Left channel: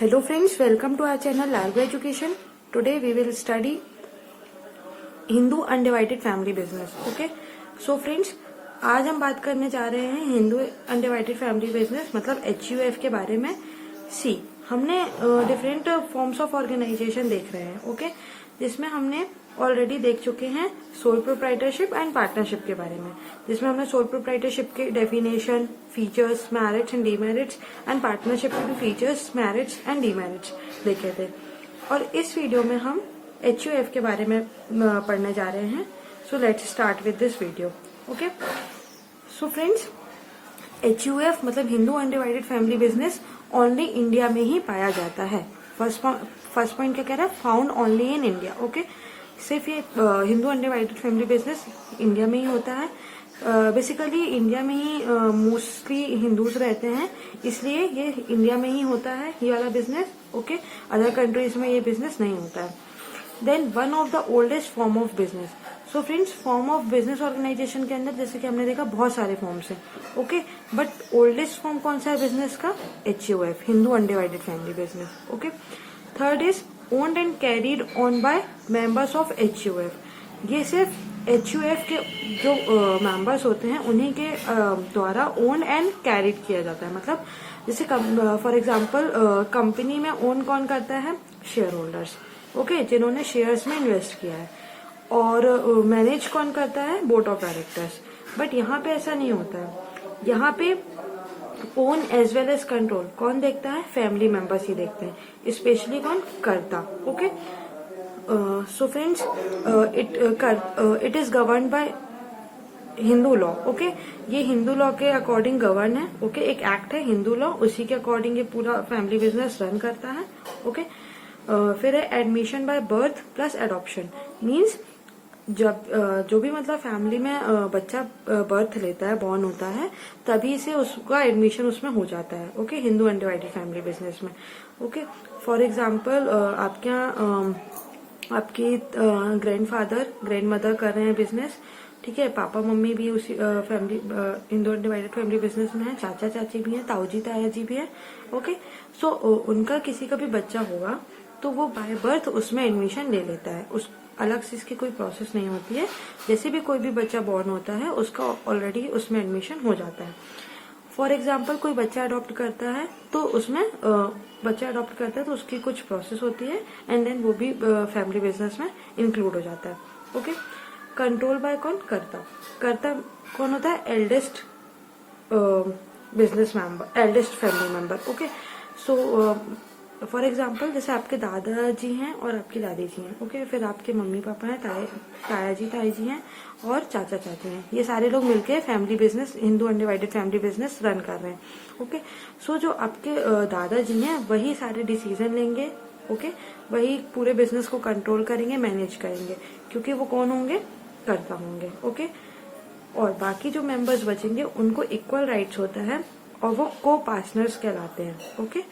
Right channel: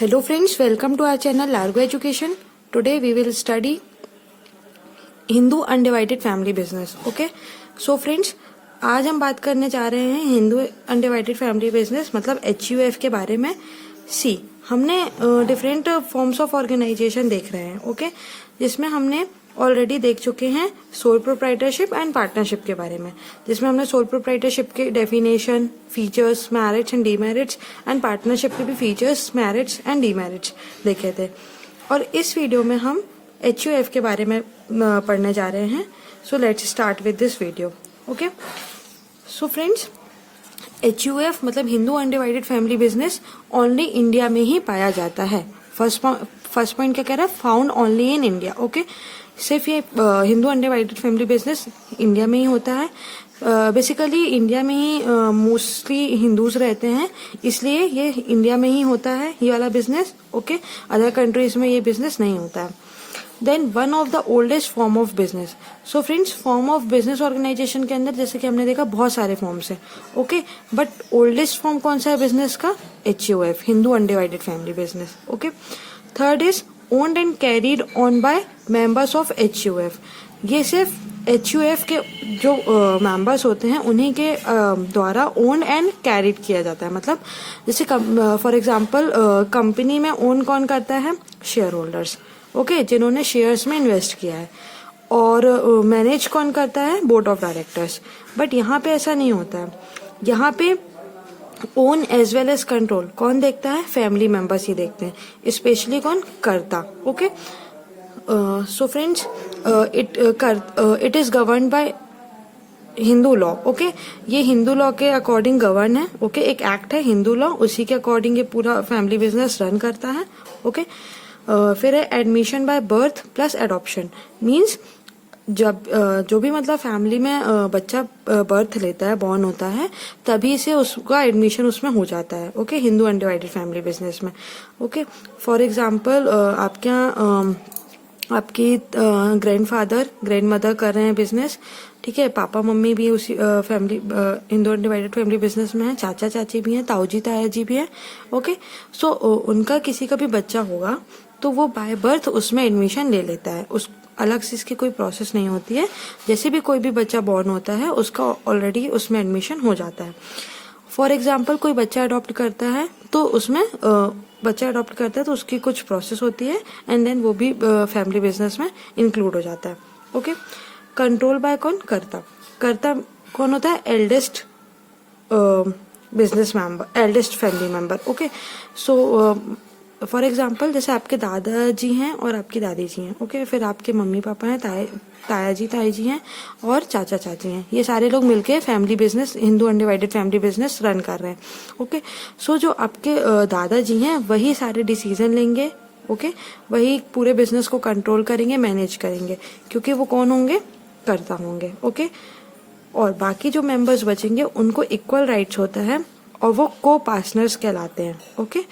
Hello friends, welcome to our channel Largo Education. Today we will study Hindu Undivided Family Business. Okay, so friends, आज हम बात करने जा रहे हैं हिंदू अनडिवाइडेड फैमिली बिजनेस मतलब HUF के बारे में। हमने डिफरेंट फॉर्म्स ऑफ ऑर्गेनाइजेशन देख रहे हैं। ओके, जिसमें हमने ऑलरेडी देख चुके हैं सोल प्रोप्राइटरशिप एंड पार्टनरशिप के बारे में, जिसमें हमने सोल प्रोप्राइटरशिप के definition, features, merits and demerits and partnership के भी फीचर्स, मेरिट्स एंड डीमेरिट्स देखे थे। और इस वीडियो में हम HUF के बारे में पढ़ने जा रहे हैं। So let's start with this video. Okay, so friends, HUF मतलब Hindu undivided family business only India में ही पाया जाता है। फर्स्ट पॉइंट क्या कह रहा है? Found only in India. Okay, सिर्फ ये Hindu undivided family business India में ही होता है। बेसिकली इंडिया में ही मोस्टली हिंदूज रहते हैं, इसलिए ये इंडिया में ही होता है ये वाला बिजनेस। ओके, अदर कंट्रीज में ये बिजनेस नहीं होता है। Then one of the oldest form of business. So friends, form of business organisation के अंदर जैसे कि हमने देखा बहुत सारे फॉर्म्स हैं। ओके, बट ओल्डेस्ट फॉर्म कौन सा है बिजनेस का? HUF, Hindu undivided family business. Okay, third is owned and carried on by members of HUF। ये सिर्फ HUF के जो मेंबर्स होते हैं उन्हीं के द्वारा ओन एंड कैरीड किया जाता है। मतलब जैसे फॉर एग्जांपल कंपनी में ओन कौन करता है? Share holders. ओके, जिन्होंने शेयर्स में इन्वेस्ट किया है। और मैनेज कौन करता है? Board of directors. बट यहाँ पे ऐसा नहीं होता है। यहाँ पे own as well as control कौन देखता है? फैमिली मेंबर्स ही देखते हैं। स्पेशली कौन? कर्ता। Okay, so friends, it is govern by Hindu law. Okay, ये हिंदू लॉ के अकॉर्डिंग गवर्न है। ओके, एक एक्ट है हिंदू लॉ, उसी के अकॉर्डिंग ये पूरा फैमिली बिजनेस रन करता है। ओके, फिर है admission by birth plus adoption. Means जब जो भी मतलब फैमिली में बच्चा बर्थ लेता है, बॉर्न होता है, तभी से उसका एडमिशन उसमें हो जाता है। Okay, Hindu undivided family business में। ओके, फॉर एग्जांपल आपके यहाँ आपकी ग्रैंडफादर ग्रैंड मदर कर रहे हैं बिजनेस, ठीक है, पापा मम्मी भी उसी family Hindu undivided family business में है, चाचा चाची भी हैं, ताऊ जी ताया जी भी हैं। ओके, सो उनका किसी का भी बच्चा होगा तो वो बाय बर्थ उसमें एडमिशन ले लेता है। उस अलग से इसकी कोई प्रोसेस नहीं होती है। जैसे भी कोई भी बच्चा बॉर्न होता है उसका ऑलरेडी उसमें एडमिशन हो जाता है। फॉर एग्जाम्पल कोई बच्चा अडॉप्ट करता है तो उसमें बच्चा अडॉप्ट करता है तो उसकी कुछ प्रोसेस होती है एंड देन वो भी फैमिली बिजनेस में इंक्लूड हो जाता है। ओके, कंट्रोल बाय कौन? कर्ता। कर्ता कौन होता है? Eldest business member, eldest family member. Okay, so for example जैसे आपके दादाजी हैं और आपकी दादी जी हैं। ओके, फिर आपके मम्मी पापा हैं, ताया जी ताई जी हैं और चाचा चाची हैं। ये सारे लोग मिलके family business, Hindu undivided family business run कर रहे हैं। ओके, सो जो आपके दादाजी हैं वही सारे डिसीजन लेंगे। ओके, वही पूरे बिजनेस को कंट्रोल करेंगे, मैनेज करेंगे, क्योंकि वो कौन होंगे? कर्ता होंगे। ओके, और बाकी जो मेंबर्स बचेंगे उनको इक्वल राइट्स होता है और वो को पार्टनर्स कहलाते हैं। ओके,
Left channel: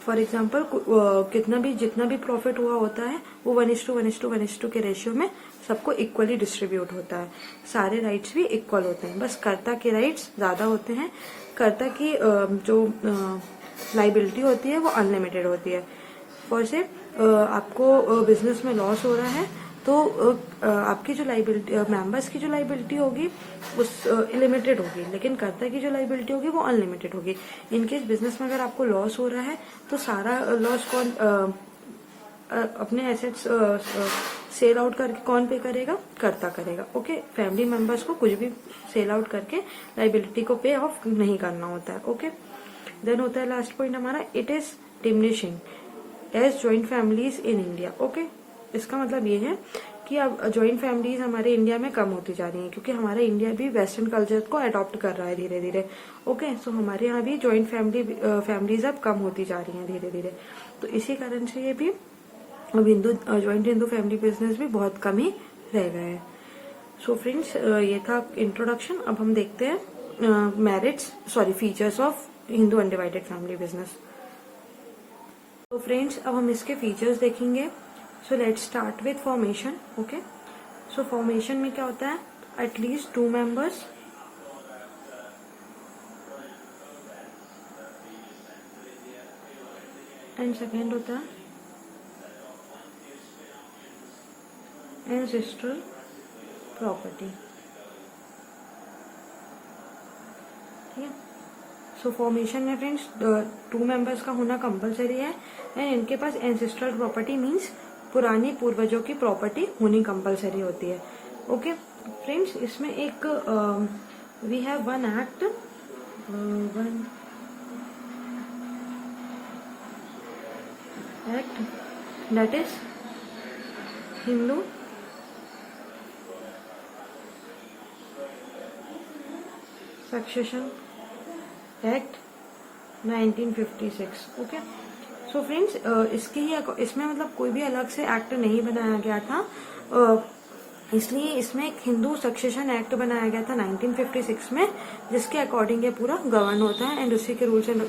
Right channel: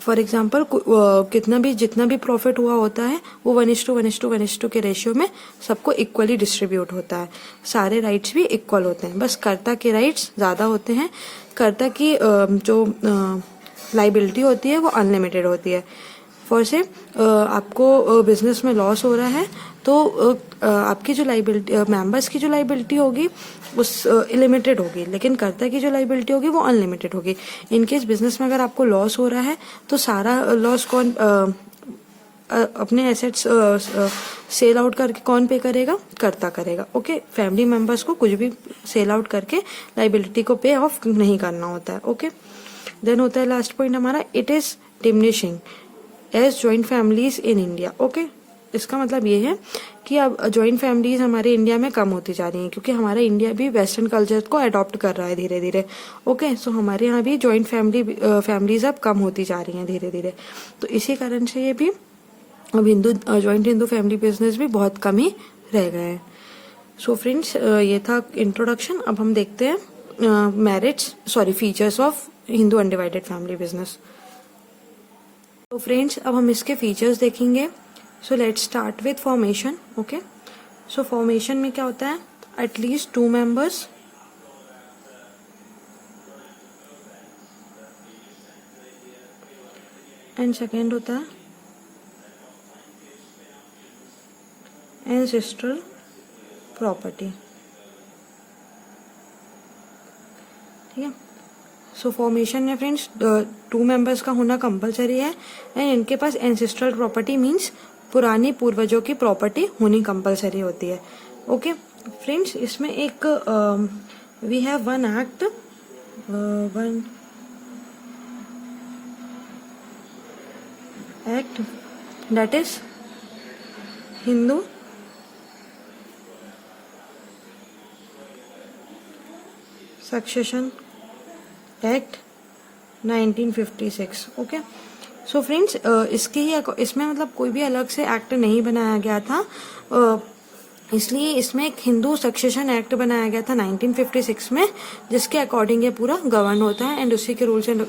फॉर एग्जाम्पल जितना भी प्रॉफिट हुआ होता है वो 1:1:1:1 के रेशियो में सबको इक्वली डिस्ट्रीब्यूट होता है। सारे राइट्स भी इक्वल होते हैं, बस कर्ता के राइट्स ज्यादा होते हैं। कर्ता की जो लाइबिलिटी होती है वो अनलिमिटेड होती है। फॉर से आपको बिजनेस में लॉस हो रहा है तो आपकी जो लाइबिलिटी, मेंबर्स की जो लाइबिलिटी होगी उस लिमिटेड होगी, लेकिन कर्ता की जो लाइबिलिटी होगी वो अनलिमिटेड होगी। इनकेस बिजनेस में अगर आपको लॉस हो रहा है तो सारा लॉस कौन अपने एसेट्स सेल आउट करके कौन पे करेगा? कर्ता करेगा। ओके, फैमिली मेंबर्स को कुछ भी सेल आउट करके लाइबिलिटी को पे ऑफ नहीं करना होता है। ओके, देन होता है लास्ट पॉइंट हमारा, it is diminishing as joint families in India. Okay, इसका मतलब ये है कि अब ज्वाइंट फैमिलीज हमारे इंडिया में कम होती जा रही हैं, क्योंकि हमारा इंडिया भी वेस्टर्न कल्चर को अडॉप्ट कर रहा है धीरे धीरे। ओके, सो हमारे यहाँ भी ज्वाइंट फैमिलीज अब कम होती जा रही हैं धीरे धीरे। तो इसी कारण से ये भी अब ज्वाइंट हिंदू फैमिली बिजनेस भी बहुत कम ही रह गए हैं। सो फ्रेंड्स, ये था इंट्रोडक्शन। अब हम देखते हैं features of Hindu undivided family business. तो फ्रेंड्स, अब हम इसके फीचर्स देखेंगे। So let's start with formation. Okay, so formation में क्या होता है? एटलीस्ट 2 मेंबर्स एंड सेकेंड होता है एंसेस्ट्रल प्रॉपर्टी। ठीक है, सो फॉर्मेशन में फ्रेंड्स 2 मेंबर्स का होना कंपलसरी है एंड इनके पास एंसेस्ट्रल प्रॉपर्टी मीन्स पुरानी पूर्वजों की प्रॉपर्टी होनी कंपलसरी होती है। ओके फ्रेंड्स, इसमें एक we have one act, one act that is Hindu succession act 1956। Okay, so friends इसमें मतलब कोई भी अलग से एक्ट नहीं बनाया गया था, इसलिए इसमें एक हिंदू सक्सेशन एक्ट बनाया गया था 1956 में, जिसके अकॉर्डिंग ये पूरा गवर्न होता है एंड उसी के रूल्स एंड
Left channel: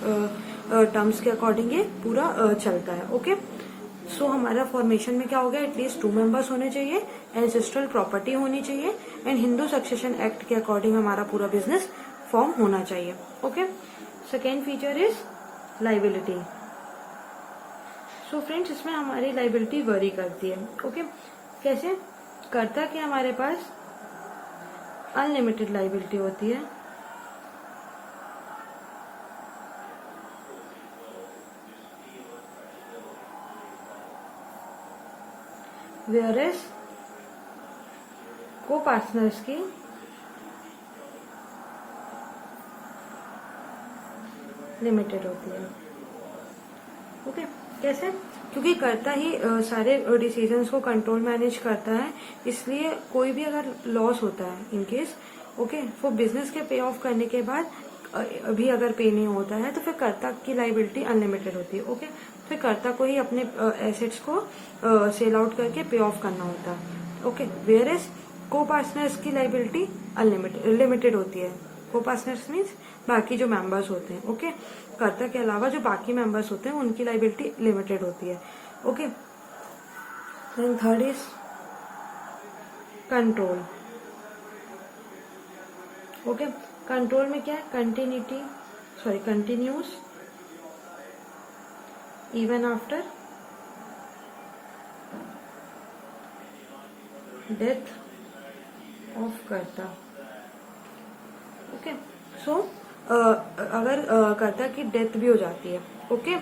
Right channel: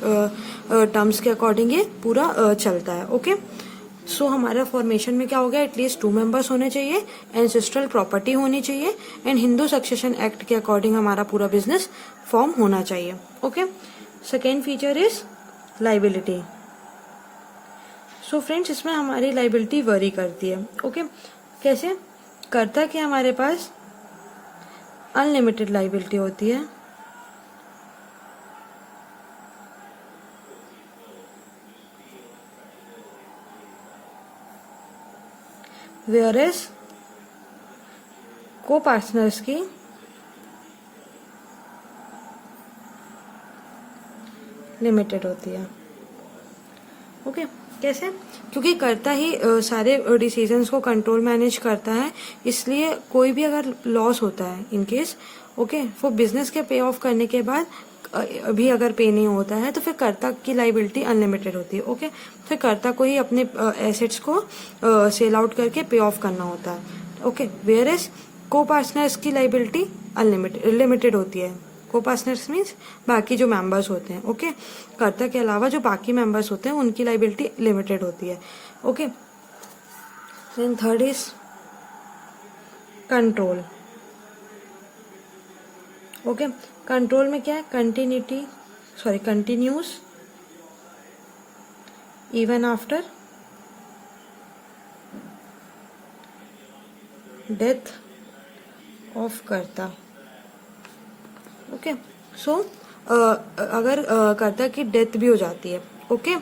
टर्म्स के अकॉर्डिंग ये पूरा चलता है। ओके, सो हमारा फॉर्मेशन में क्या हो गया, एटलीस्ट 2 मेंबर्स होने चाहिए, एंसेस्ट्रल प्रॉपर्टी होनी चाहिए एंड हिंदू सक्सेशन एक्ट के अकॉर्डिंग हमारा पूरा बिजनेस फॉर्म होना चाहिए। Okay, second feature is liability. So friends, इसमें हमारी लाइबिलिटी वरी करती है। ओके, कैसे करता कि हमारे पास अनलिमिटेड लाइबिलिटी होती है, वेयरएज को पार्टनर्स की लिमिटेड होती है। ओके, कैसे, क्योंकि करता ही सारे डिसीजंस को कंट्रोल मैनेज करता है, इसलिए कोई भी अगर लॉस होता है इन केस, ओके, वो बिजनेस के पे ऑफ करने के बाद अभी अगर पे नहीं होता है तो फिर कर्ता की लाइबिलिटी अनलिमिटेड होती है। ओके, फिर कर्ता को ही अपने एसेट्स को सेल आउट करके पे ऑफ करना होता है। ओके, वेयर एज को पार्टनर्स की लाइबिलिटी अनलिमिटेड लिमिटेड होती है। को पार्टनर्स मीन्स बाकी जो मेंबर्स होते हैं। ओके, कर्ता के अलावा जो बाकी मेंबर्स होते हैं उनकी लाइबिलिटी लिमिटेड होती है। Okay, then third is control. Okay, control में क्या है, continues even after death of karta. Okay, so अगर कर्ता की डेथ भी हो जाती है, ओके,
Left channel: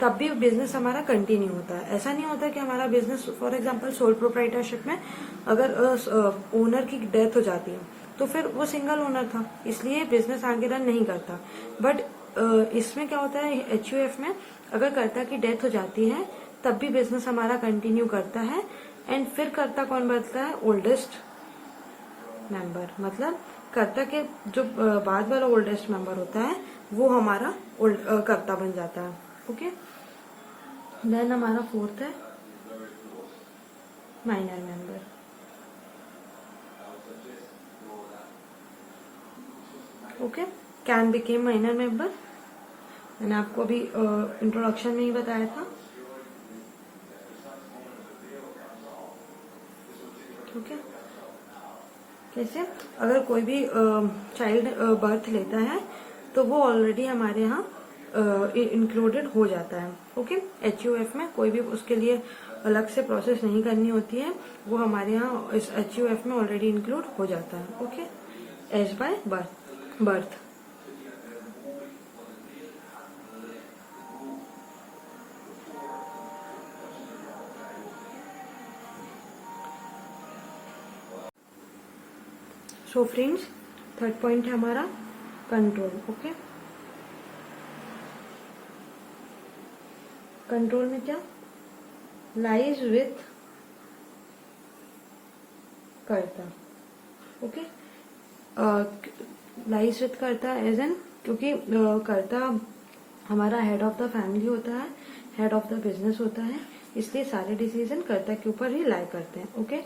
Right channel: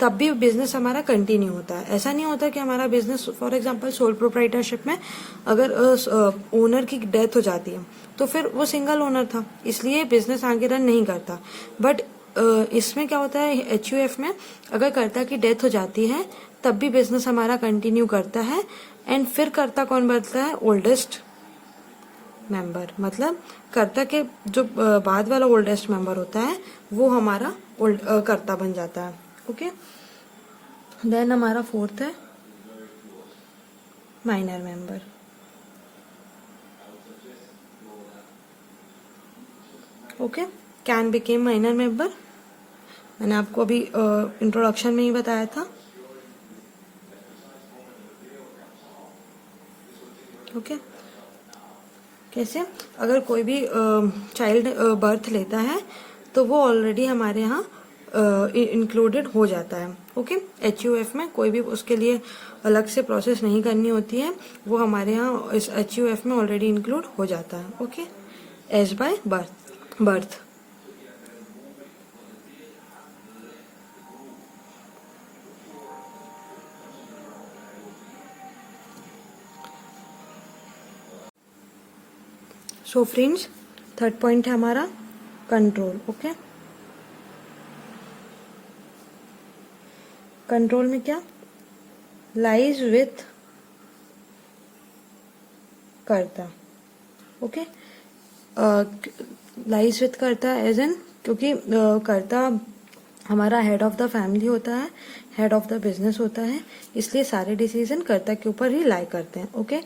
तब भी बिजनेस हमारा कंटिन्यू होता है। ऐसा नहीं होता कि हमारा business, for example sole proprietorship में अगर ओनर की डेथ हो जाती है तो फिर वो सिंगल ओनर था, इसलिए बिजनेस आगे रन नहीं करता। बट इसमें क्या होता है, एचयूएफ में अगर कर्ता की डेथ हो जाती है तब भी बिजनेस हमारा कंटिन्यू करता है एंड फिर कर्ता कौन बनता है, ओल्डेस्ट मेंबर। मतलब कर्ता के जो बाद वाला ओल्डेस्ट मेंबर होता है वो हमारा कर्ता बन जाता है। ओके, देन हमारा फोर्थ है minor member. Okay, can became minor member, मैंने आपको अभी इंट्रोडक्शन में ही बताया था। ओके, कैसे, अगर कोई भी चाइल्ड बर्थ लेता है तो वो ऑलरेडी हमारे यहाँ इंक्लूडेड हो जाता है। ओके, एचयूएफ में कोई भी उसके लिए अलग से प्रोसेस नहीं करनी होती है, वो हमारे यहाँ इस एचयूएफ में ऑलरेडी इंक्लूड हो जाता है। Okay, as by birth. So friends, third point है हमारा कंट्रोल। ओके, कंट्रोल में क्या, lies with karta. Okay, lies with karta as an, क्योंकि कर्ता हमारा हेड ऑफ द फैमिली होता है, हेड ऑफ द बिजनेस होता है, इसलिए सारे डिसीजन कर्ता के ऊपर ही लाई करते हैं। ओके,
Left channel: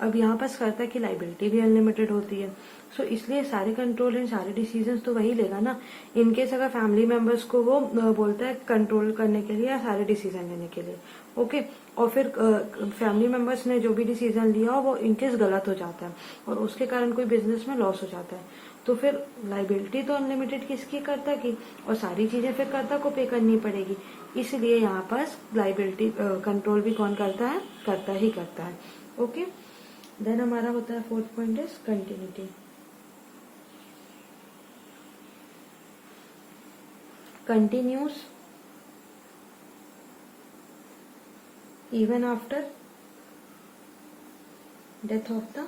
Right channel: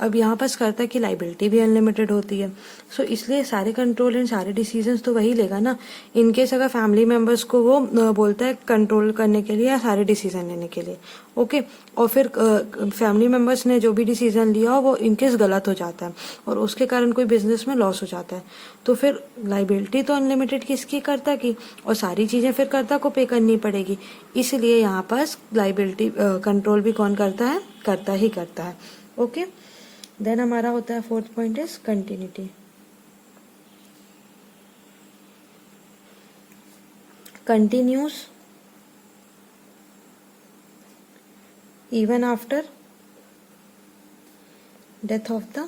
अब यहाँ पास कर्ता की लाइबिलिटी भी अनलिमिटेड होती है। सो इसलिए सारे कंट्रोल एंड सारे डिसीजंस तो वही लेगा ना। इनकेस अगर फैमिली मेंबर्स को वो बोलता है कंट्रोल करने के लिए या सारे डिसीजन लेने के लिए, ओके, और फिर फैमिली मेंबर्स ने जो भी डिसीजन लिया हो वो इनकेस गलत हो जाता है और उसके कारण कोई बिजनेस में लॉस हो जाता है, तो फिर लाइबिलिटी तो अनलिमिटेड किसकी, कर्ता की, और सारी चीजें फिर कर्ता को पे करनी पड़ेगी। इसलिए यहाँ पास लाइबिलिटी कंट्रोल भी कौन करता है, कर्ता ही करता है। ओके, देन हमारा होता है fourth point is continuity. Continuous even after death of the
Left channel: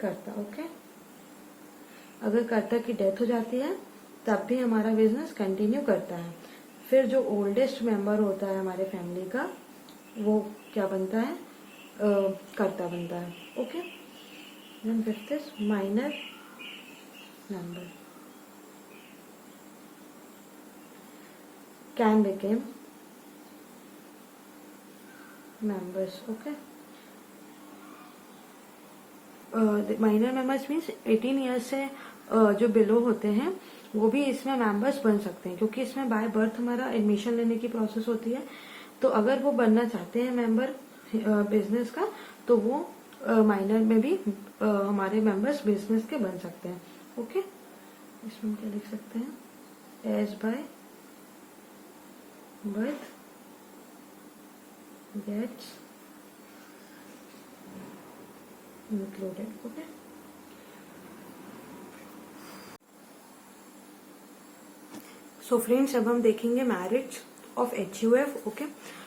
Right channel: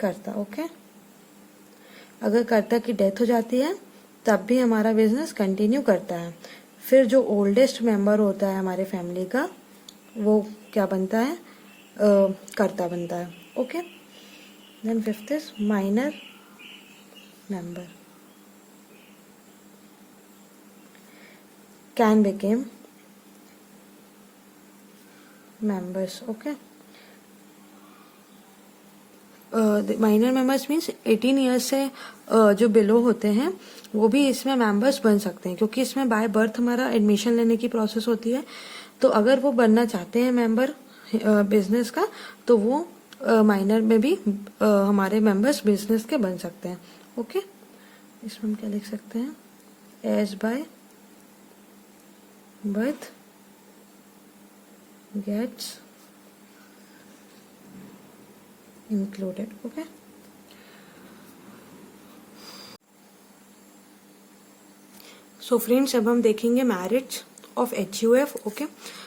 कर्ता। ओके, अगर कर्ता की डेथ हो जाती है तब भी हमारा बिजनेस कंटिन्यू करता है। फिर जो ओल्डेस्ट मेंबर होता है हमारे फैमिली का वो क्या बनता है, कर्ता बनता है। Okay, then fifth is minor member can became members। Okay, minor members means 18 years से जो बिलो होते हैं वो भी इसमें मेंबर्स बन सकते हैं, क्योंकि इसमें बाय बर्थ हमारा एडमिशन लेने की प्रोसेस होती है। तो अगर वो बनना चाहते हैं मेंबर बिजनेस का तो वो माइनर में भी हमारे मेंबर्स बिजनेस के बन सकते हैं। ओके, इसमें हम क्या लिख सकते हैं, as by birth gets included। okay, so friends अब हम देखेंगे merits of HUF। Okay,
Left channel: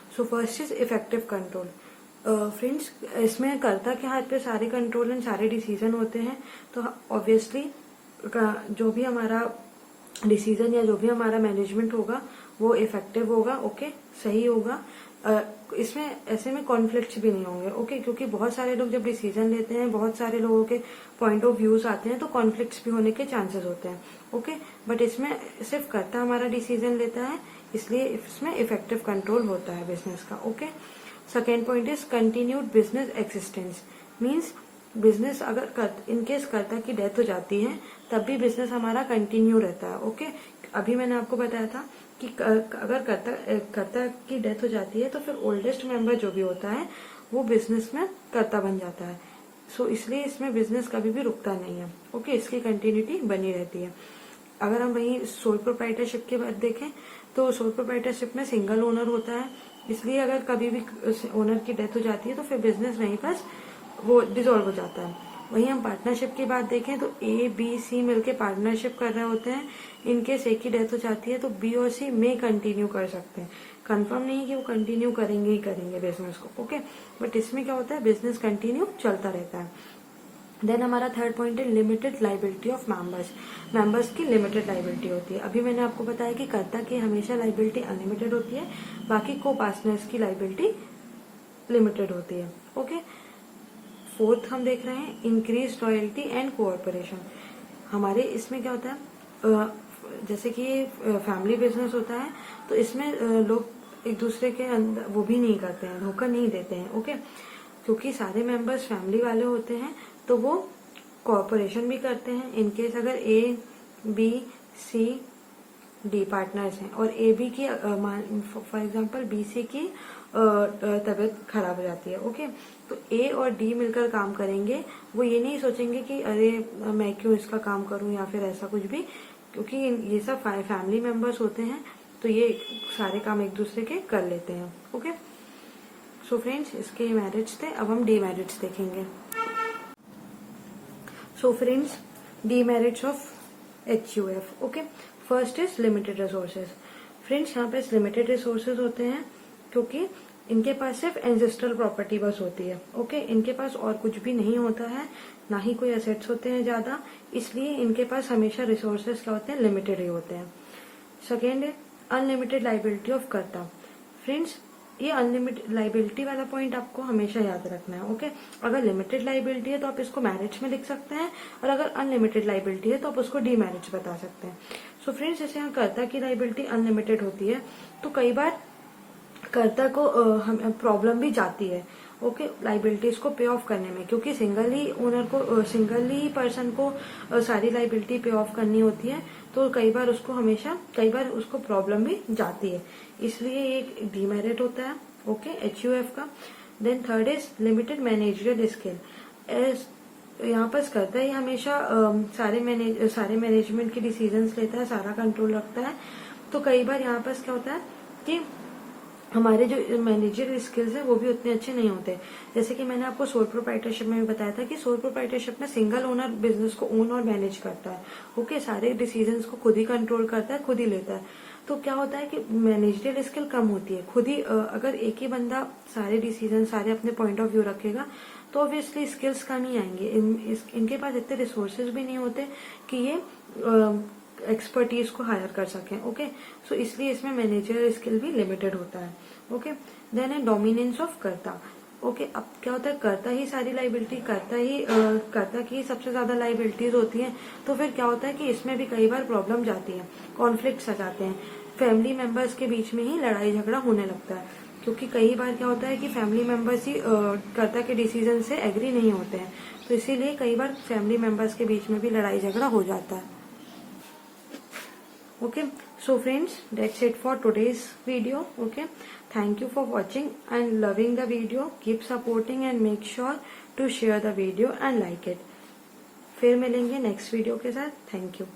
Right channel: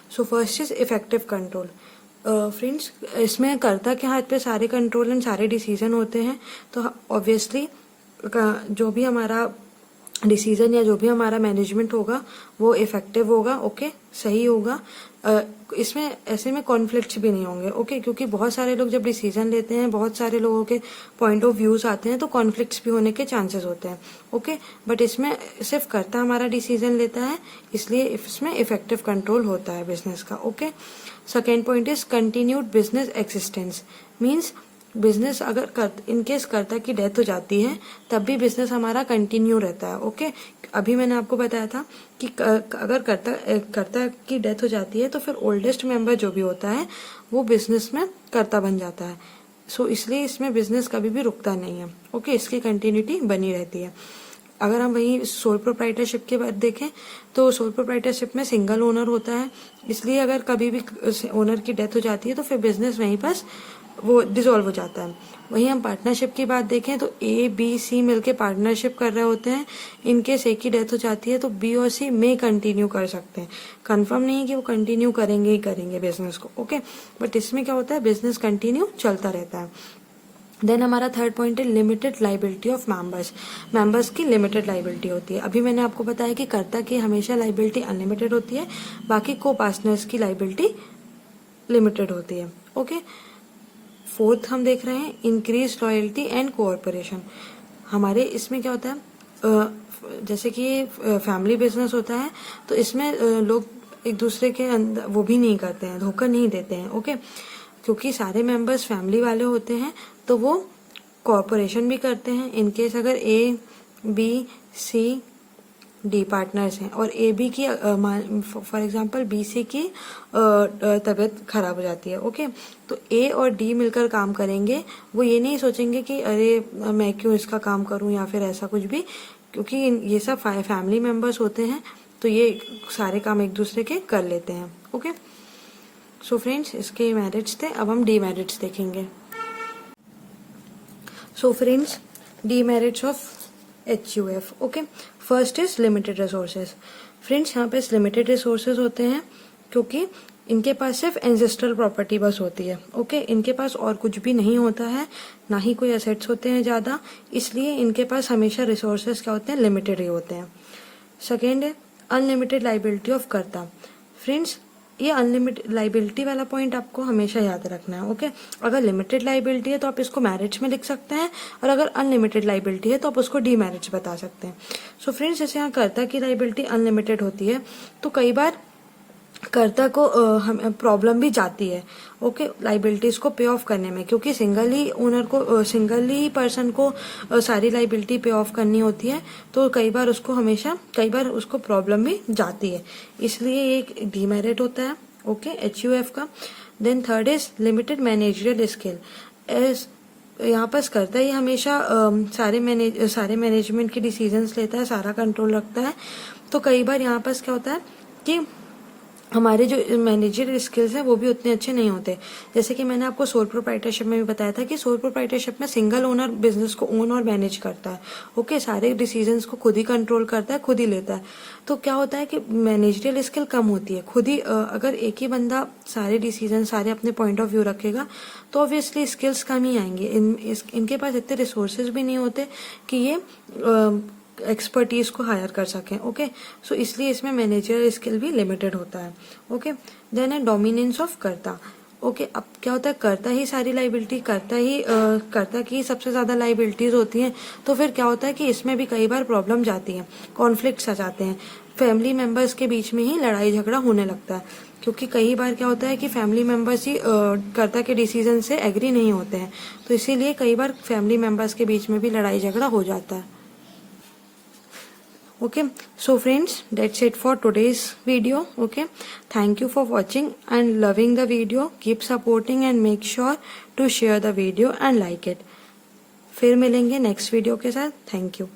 so first is effective control. Friends इसमें कर्ता के हाथ पे सारे कंट्रोल एंड सारे डिसीजन होते हैं, तो ऑब्वियसली जो भी हमारा डिसीजन या जो भी हमारा मैनेजमेंट होगा वो इफेक्टिव होगा। ओके, सही होगा। इसमें ऐसे में कॉन्फ्लिक्ट्स भी नहीं होंगे। ओके, क्योंकि बहुत सारे लोग जब डिसीजन लेते हैं बहुत सारे लोगों के पॉइंट ऑफ व्यूज आते हैं तो कॉन्फ्लिक्ट्स भी होने के चांसेस होते हैं। ओके, बट इसमें सिर्फ कर्ता हमारा डिसीजन लेता है, इसलिए इसमें इफेक्टिव कंट्रोल होता है बिजनेस का। Okay, second point is continued business existence. Means business अगर इनकेस कर्ता की डेथ हो जाती है तब भी बिजनेस हमारा कंटिन्यू रहता है। ओके, अभी मैंने आपको बताया था कि अगर कर्ता की डेथ हो जाती है तो फिर ओल्डेस्ट मेंबर जो भी होता है वो बिजनेस में कर्ता बन जाता है। सो इसलिए इसमें बिजनेस कभी भी रुकता नहीं है। ओके, इसकी कंटिन्यूटी बनी रहती है। अगर हम वही सोल प्रोप्राइटरशिप के बाद देखें तो सोल प्रोप्राइटरशिप में सिंगल ओनर होता है, इसलिए अगर कभी भी ओनर की डेथ हो जाती है तो फिर बिजनेस वहीं पर वो डिसॉल्व हो जाता है। वहीं हम पार्टनरशिप की बात देखें तो A, B, C मिलके पार्टनरशिप कर रहे होते हैं। इनकेस एक की डेथ हो जाती है तो B और C में कंटिन्यू कर सकते हैं। कंफर्म नहीं है कि वो कंटिन्यू करेंगे ही करेंगे बिजनेस को। ओके, बट इसमें क्या होता है, बिजनेस कंटिन्यू चलता रहता है। देन हमारा थर्ड पॉइंट है limited liability of members. Members की लिमिटेड लाइबिलिटी होती है। अभी मैंने आपको बताया कि कर्ता की हमेशा लाइबिलिटी अनलिमिटेड होती है, बाकी को पार्टनर्स की लाइबिलिटी लिमिटेड होती है। ओके, फोर्थ हम देख रहे हैं इंक्रीज लॉयल्टी एंड कोऑपरेशन। हमारे इसमें क्या होता है, जैसे कि ये फैमिली बिजनेस होता है तो इसमें लोग एक दूसरे के अंदर वो भी नहीं करते हैं, धोखा नहीं देते हैं। ओके, क्योंकि सारे मेंबर्स फैमिली वाले होते हैं तो वो कोऑपरेशन भी करते हैं। इनकेस अगर A, B, C, D partners हैं और AB की फॉर एग्जांपल BC की तबीयत खराब हो जाती है। ओके, तो A और D मिलकर काम करेंगे। वो ये नहीं सोचेंगे कि अरे मैं क्यों इसका काम करूं या फिर ऐसा कुछ भी, क्योंकि ये सब फैमिली मेंबर्स होते हैं तो ये सारे काम एक दूसरे के कर लेते हैं। ओके, सो फ्रेंड्स इसके मैरिट्स थे। अब हम डीमेरिट्स देखेंगे। So friends demerits of HUF। Okay, first is limited resources. Friends यहाँ पे लिमिटेड रिसोर्सेज होते हैं क्योंकि इनके पास सिर्फ एंसेस्ट्रल प्रॉपर्टी बस होती है। ओके, इनके पास और कुछ भी नहीं होता है, ना ही कोई एसेट्स होते हैं ज्यादा, इसलिए इनके पास हमेशा रिसोर्सेज क्या होते हैं, लिमिटेड ही होते हैं। सेकेंड है अनलिमिटेड लाइबिलिटी ऑफ कर्ता। फ्रेंड्स ये अनलिमिटेड लाइबिलिटी वाला पॉइंट आपको हमेशा याद रखना है। ओके, अगर लिमिटेड लाइबिलिटी है तो आप इसको मैरिज में लिख सकते हैं, और अगर अनलिमिटेड लाइबिलिटी है तो आप उसको डीमैरिज बता सकते हैं। सो फ्रेंड्स जैसे यहाँ कर्ता की लाइबिलिटी अनलिमिटेड होती है तो कई बार कर्ता को प्रॉब्लम भी जाती है, ओके, लाइबिलिटीज को पे ऑफ करने में, क्योंकि सिंगल ही पर्सन को सारी लाइबिलिटी पे ऑफ करनी होती है, तो कई बार उसको प्रॉब्लम भी जाती है, इसलिए एक डीमेरिट होता है, ओके, HUF का। Then third is limited managerial skill. As यहाँ पर करता ही हमेशा सारे मैनेजमेंट के डिसीजंस लेता है, सारा कंट्रोल रखता है, तो कई बार यहाँ पर क्या होता है कि हमारे जो मैनेजर स्किल्स हैं वो भी उतने अच्छे नहीं होते। जैसे कि मैंने आपको सोल प्रोप्राइटरशिप में भी बताया था कि सोल प्रोप्राइटरशिप में सिंगल ओनर बिजनेस को ओन और मैनेज करता है, ओके, सारे डिसीजंस को खुद ही कंट्रोल करता है, खुद ही लेता है। तो क्या होता है कि मैनेजरियल स्किल कम होती है, खुद ही अगर एक ही बंदा सारे डिसीजन सारे अपने पॉइंट ऑफ व्यू रखेगा तो ऑब्वियसली स्किल्स कम ही आएंगे। इनके पास इतने रिसोर्सेज भी नहीं होते कि ये एक्सपर्टीज को हायर कर सकें, ओके, सो इसलिए इसमें मैनेजर स्किल भी लिमिटेड होता है, ओके। देन है डोमिनेंस ऑफ कर्ता, ओके, अब क्या होता है कर्ता ही सारी लाइबिलिटी कर्ता की सबसे ज्यादा लाइबिलिटीज होती हैं, तो फिर क्या होता है कि इसमें भी कई बार प्रॉब्लम जाती है, कॉन्फ्लिक्ट्स आ जाते हैं, फैमिली मेंबर्स के बीच में ही लड़ाई झगड़ा होने लगता है, क्योंकि कई बार क्या होता है कि फैमिली मेंबर्स ही कर्ता के डिसीजन से एग्री नहीं होते हैं, तो इसीलिए कई बार फैमिली मेंबर्स के बीच में भी लड़ाई झगड़ा हो जाता है। Okay, so friends, that's it for today's video. Okay, thank you for watching and loving the video. Keep supporting and make sure to share the video and like it. फिर मिलेंगे नेक्स्ट वीडियो के साथ। Thank you.